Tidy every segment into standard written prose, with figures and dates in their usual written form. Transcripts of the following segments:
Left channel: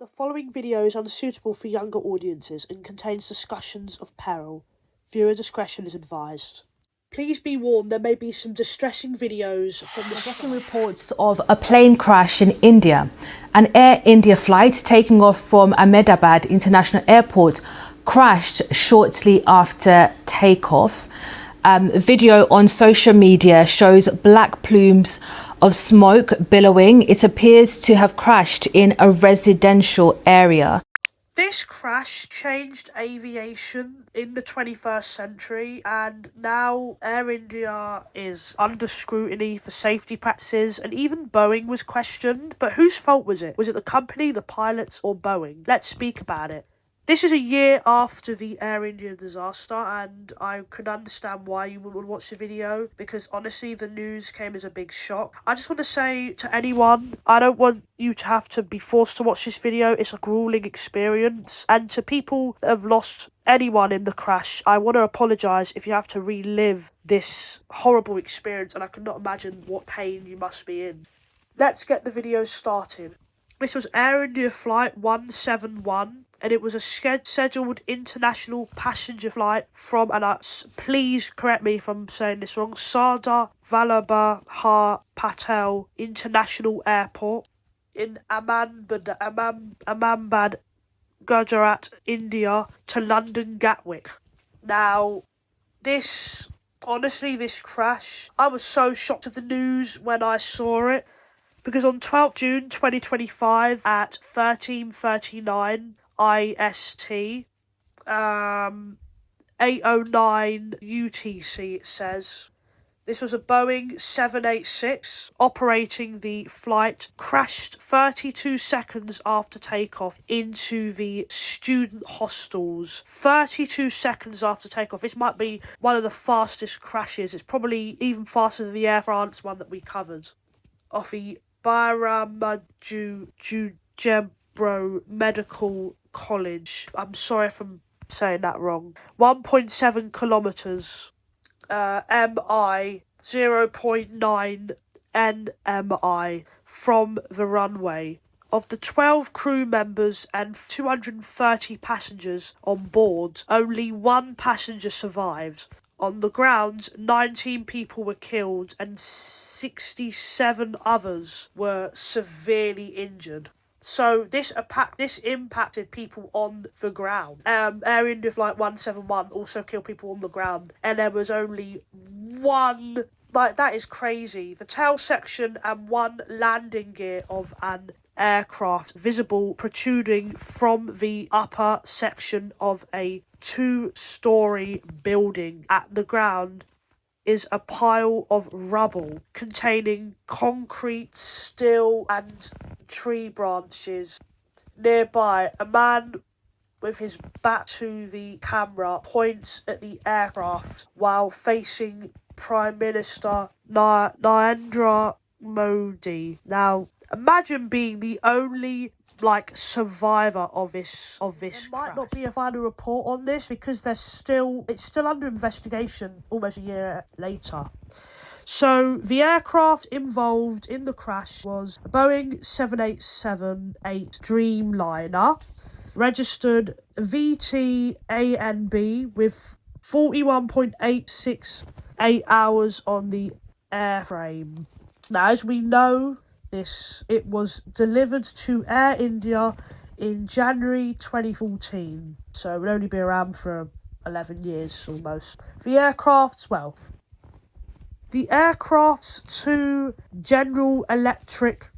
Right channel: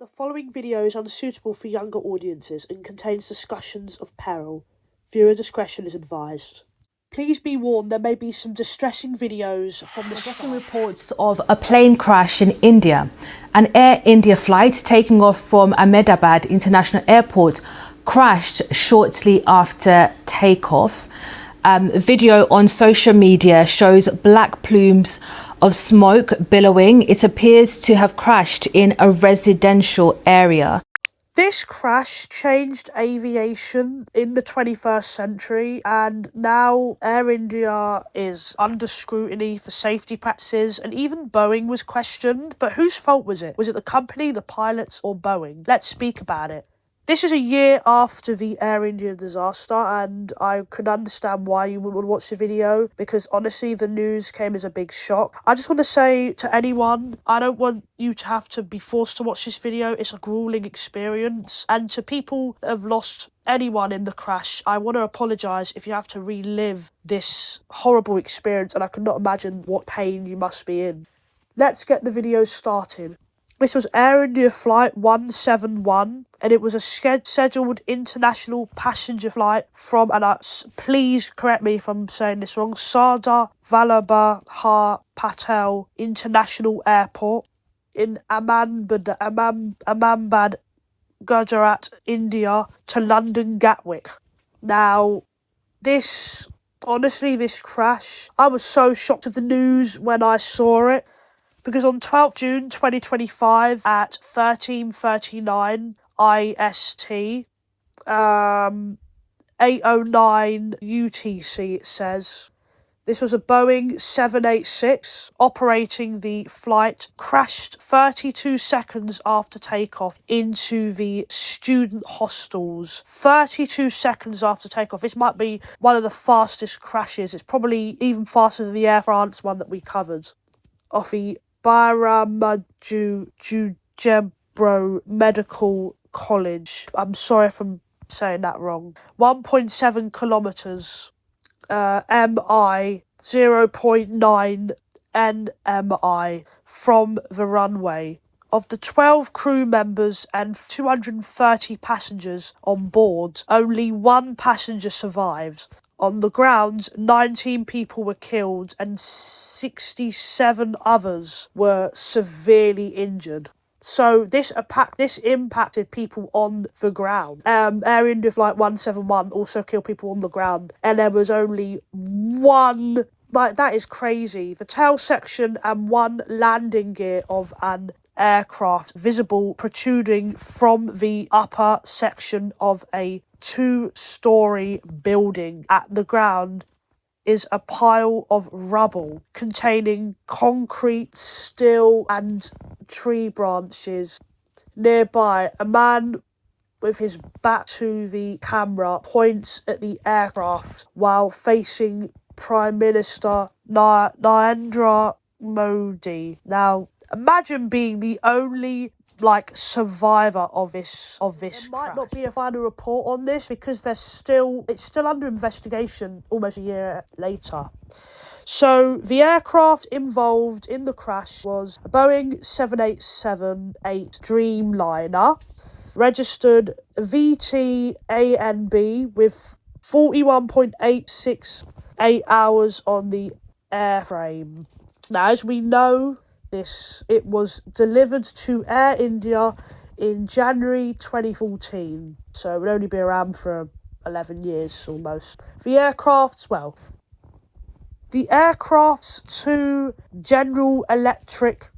The following video is unsuitable for younger audiences and contains discussions of peril. Viewer discretion is advised. Please be warned there may be some distressing videos from the... We're getting reports of a plane crash in India. An Air India flight taking off from Ahmedabad International Airport crashed shortly after takeoff. Video on social media shows black plumes of smoke billowing. It appears to have crashed in a residential area. This crash changed aviation in the 21st century, and now Air India is under scrutiny for safety practices, and even Boeing was questioned. But whose fault was it? Was it the company, the pilots, or Boeing? Let's speak about it. This is a year after the Air India disaster, and I can understand why you would watch the video, because honestly, the news came as a big shock. I just want to say to anyone, I don't want you to have to be forced to watch this video. It's a grueling experience. And to people that have lost anyone in the crash, I want to apologise if you have to relive this horrible experience, and I cannot imagine what pain you must be in. Let's get the video started. This was Air India Flight 171, and it was a scheduled international passenger flight from, and please correct me if I'm saying this wrong, Sardar Vallabhbhai Patel International Airport in Ahmedabad, Gujarat, India, to London Gatwick. Now, this crash, I was so shocked at the news when I saw it. Because on 12th June 2025 at 13:39 IST, 8:09 UTC it says, this was a Boeing 786 operating the flight, crashed 32 seconds after takeoff into the student hostels. 32 seconds after takeoff. This might be one of the fastest crashes. It's probably even faster than the Air France one that we covered. Off the Baramaju Medical College. I'm sorry if I'm saying that wrong. 1.7 kilometres. MI 0.9 NMI from the runway. Of the 12 crew members and 230 passengers on board, only one passenger survived. On the ground, 19 people were killed and 67 others were severely injured. So this impacted people on the ground. Air India Flight 171 also killed people on the ground, and there was only one. That is crazy. The tail section and one landing gear of an aircraft visible protruding from the upper section of a 2-story building. At the ground is a pile of rubble containing concrete, steel and tree branches. Nearby, a man with his back to the camera points at the aircraft while facing Prime Minister Narendra Modi. Now, imagine being the only survivor of this crash. Might not be a final report on this because it's still under investigation almost a year later. So the aircraft involved in the crash was a Boeing 787-8 Dreamliner, registered VTANB with 41.868 hours on the airframe. Now, as we know, it was delivered to Air India in January 2014, so it would only be around for 11 years almost. The aircraft's two General Electric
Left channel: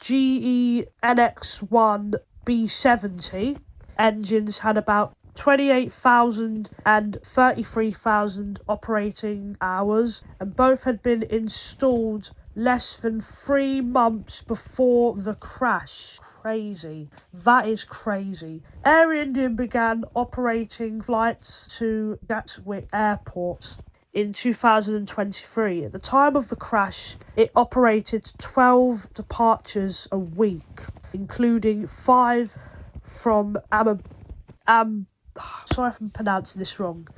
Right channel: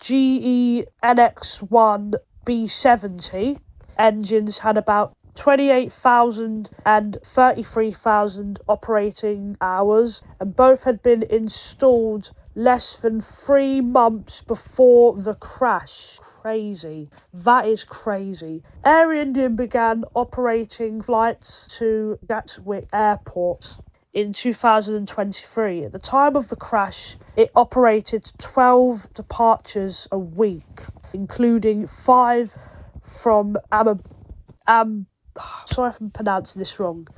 GE NX-1 B70 engines had about 28,000 and 33,000 operating hours, and both had been installed less than 3 months before the crash. Crazy. That is crazy. Air India began operating flights to Gatwick Airport in 2023. At the time of the crash, it operated 12 departures a week, including 5 from sorry if I'm pronouncing this wrong.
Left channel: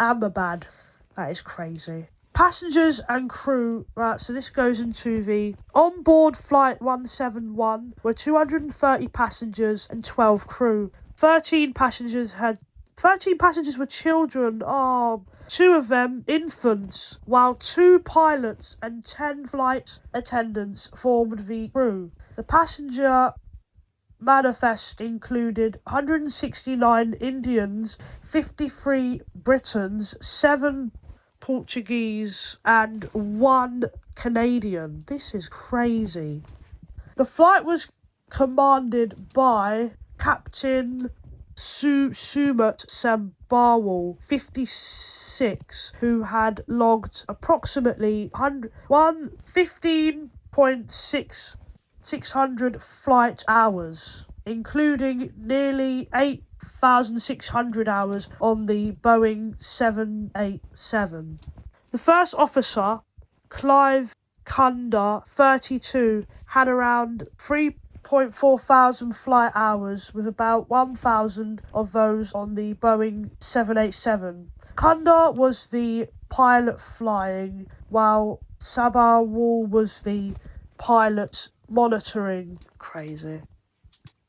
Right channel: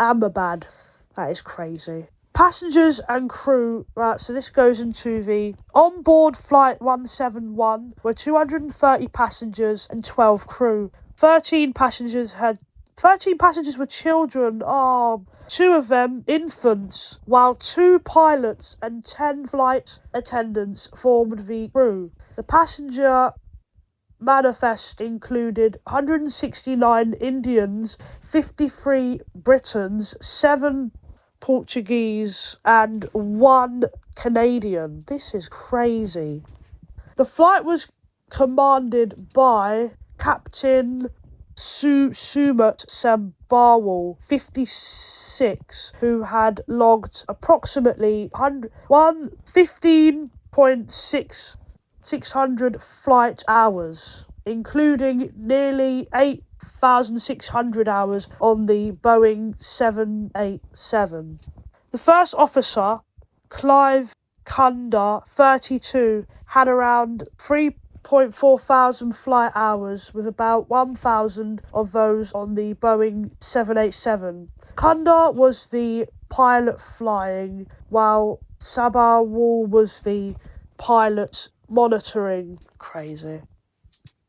Ahmedabad. That is crazy. Passengers and crew, right, so this goes into the on-board flight 171 were 230 passengers and 12 crew. 13 passengers were children, 2 of them infants, while 2 pilots and 10 flight attendants formed the crew. The passenger manifest included 169 Indians, 53 Britons, 7 Portuguese and 1 Canadian. This is crazy. The flight was commanded by Captain Sumat Sambawal, 56, who had logged approximately 15,600 flight hours, including nearly 8,600 hours on the Boeing 787. The first officer, Clive Kunda, 32, had around 3.4 thousand flight hours, with about 1,000 of those on the Boeing 787. Kunda was the pilot flying, while Sabawal was the pilot monitoring. Crazy.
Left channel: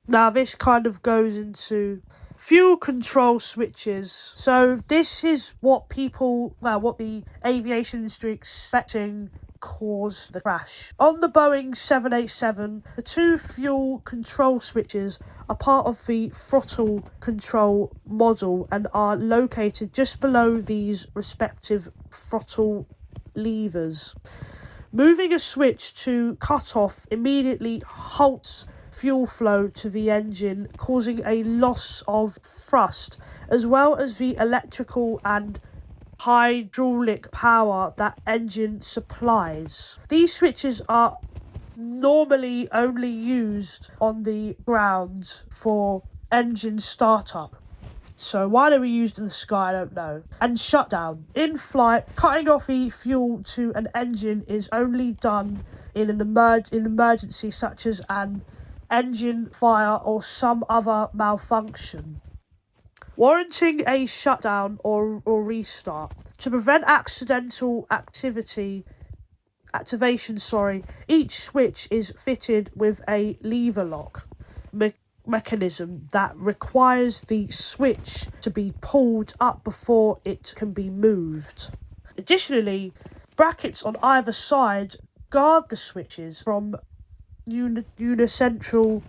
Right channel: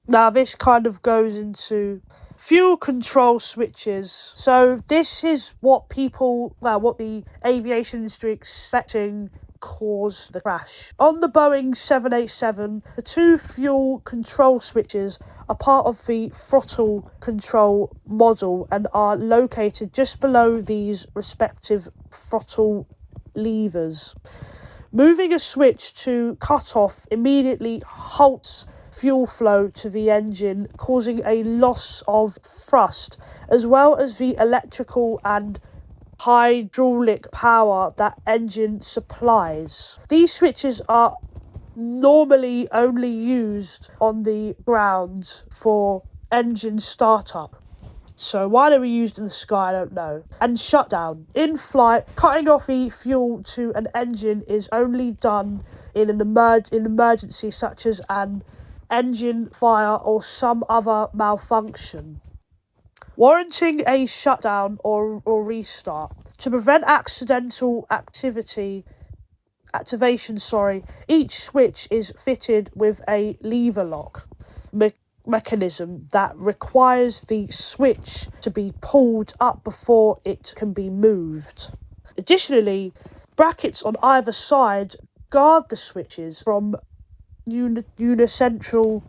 Now this kind of goes into fuel control switches. So this is what the aviation industry expecting caused the crash. On the Boeing 787, the 2 fuel control switches are part of the throttle control module and are located just below these respective throttle levers. Moving a switch to cut off immediately halts fuel flow to the engine, causing a loss of thrust, as well as the electrical and hydraulic power that engine supplies. These switches are normally only used on the ground for engine startup. So why they were used in the sky, I don't know. And shutdown. In flight, cutting off the fuel to an engine is only done in an emergency such as an engine fire or some other malfunction, warranting a shutdown or restart. To prevent accidental activation, each switch is fitted with a lever lock mechanism that requires the switch to be pulled up before it can be moved. Additionally, brackets on either side guard the switches from unessential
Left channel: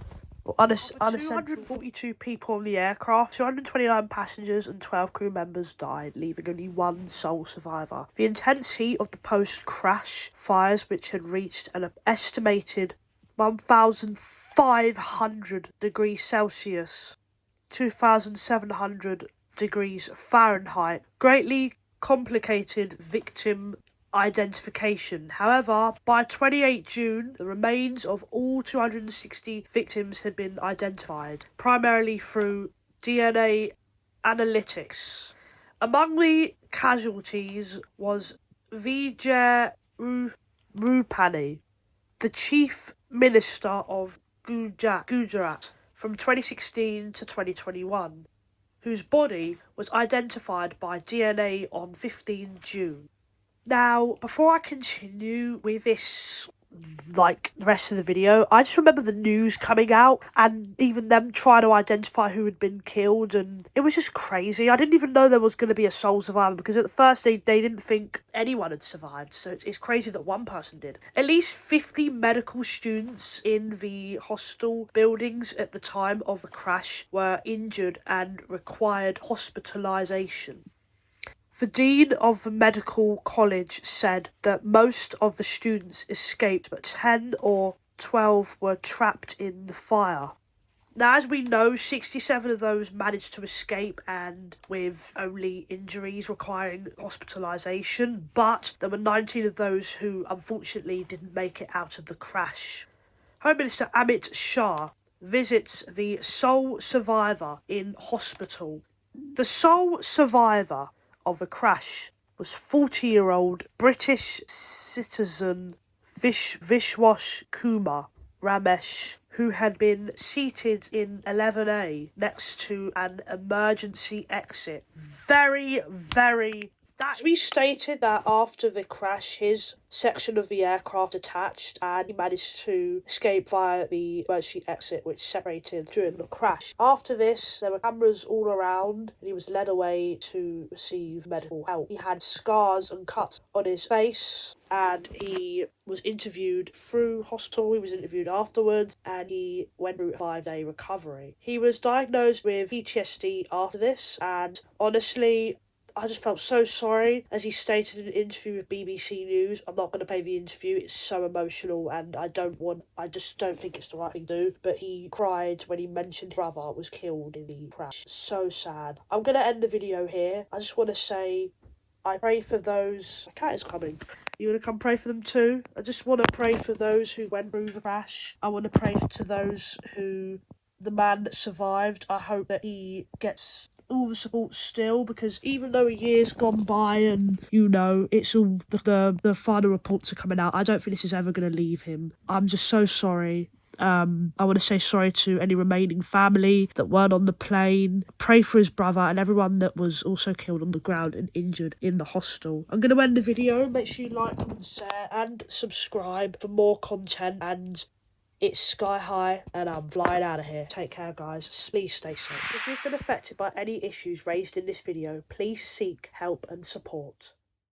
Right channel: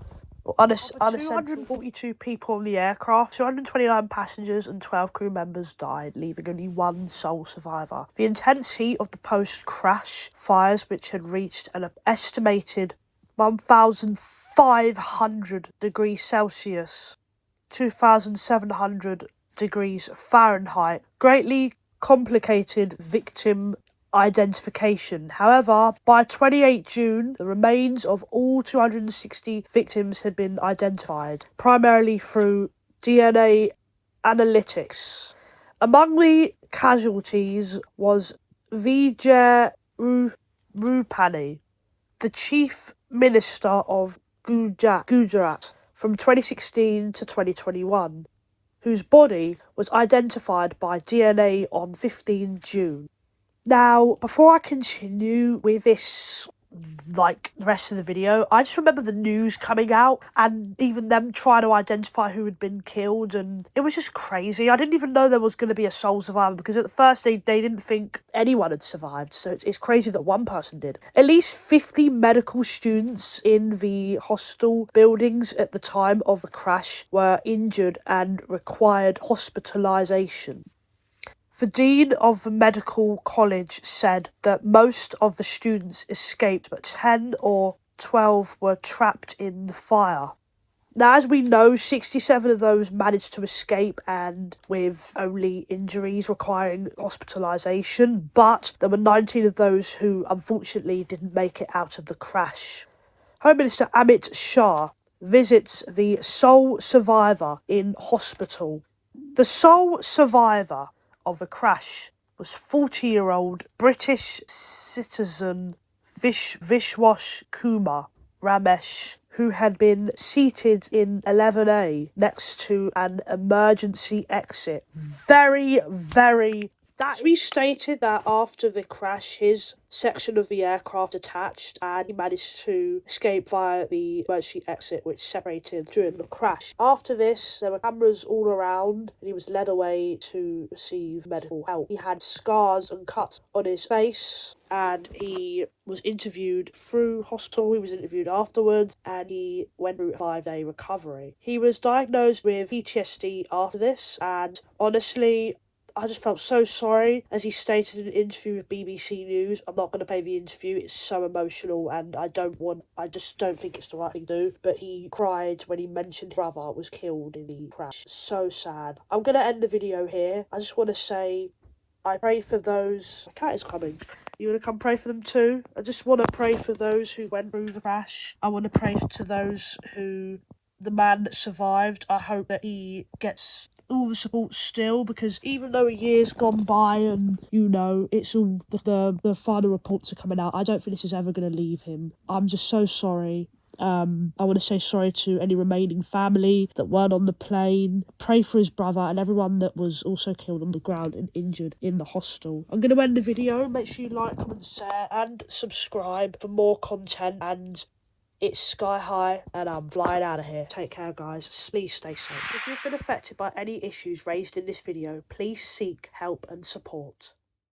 242 people on the aircraft, 229 passengers and 12 crew members died, leaving only 1 sole survivor. The intense heat of the post-crash fires, which had reached an estimated 1,500 degrees Celsius, 2,700 degrees Fahrenheit, greatly complicated victim identification. However, by 28 June, the remains of all 260 victims had been identified, primarily through DNA analytics. Among the casualties was Vijay Rupani, the Chief Minister of Gujarat from 2016 to 2021, whose body was identified by DNA on 15 June. Now, before I continue with this, the rest of the video, I just remember the news coming out and even them trying to identify who had been killed, and it was just crazy. I didn't even know there was going to be a sole survivor, because at the first they didn't think anyone had survived, so it's crazy that one person did. At least 50 medical students in the hostel buildings at the time of the crash were injured and required hospitalisation. The Dean of the Medical College said that most of the students escaped, but 10 or 12 were trapped in the fire. Now, as we know, 67 of those managed to escape, and with only injuries requiring hospitalisation, but there were 19 of those who unfortunately didn't make it out of the crash. Home Minister Amit Shah visits the sole survivor in hospital. The sole survivor of the crash was 40-year-old British citizen Vishwash Kumar Ramesh, who had been seated in 11A next to an emergency exit. Very, very, He stated that after the crash, his section of the aircraft detached and he managed to escape via the emergency exit which separated during the crash. After this, there were cameras all around and he was led away to receive medical help. He had scars and cuts on his face and he was interviewed through hospital, he was interviewed afterwards, and he went through a 5-day recovery. He was diagnosed with PTSD after this, and honestly, I just felt so sorry. As he stated in an interview with BBC News, I'm not going to play the interview, it's so emotional and I just don't think it's the right thing to do. But he cried when he mentioned his brother was killed in the crash. So sad. I'm going to end the video here. I just want to say, I pray for those... My cat is coming. You want to come pray for them too? I just want to pray for those who went through the crash. I want to pray to those who... The man that survived, I hope that he gets all the support still, because even though a year's gone by and, you know, it's all the final reports are coming out, I don't think this is ever going to leave him. I'm just so sorry. I want to say sorry to any remaining family that weren't on the plane. Pray for his brother and everyone that was also killed on the ground and injured in the hostel. I'm going to end the video. Make sure you like, comment, share and subscribe for more content. And it's sky high and I'm flying out of here. Take care, guys. Please stay safe. If you've been affected by any issues raised in this video, please seek help and support.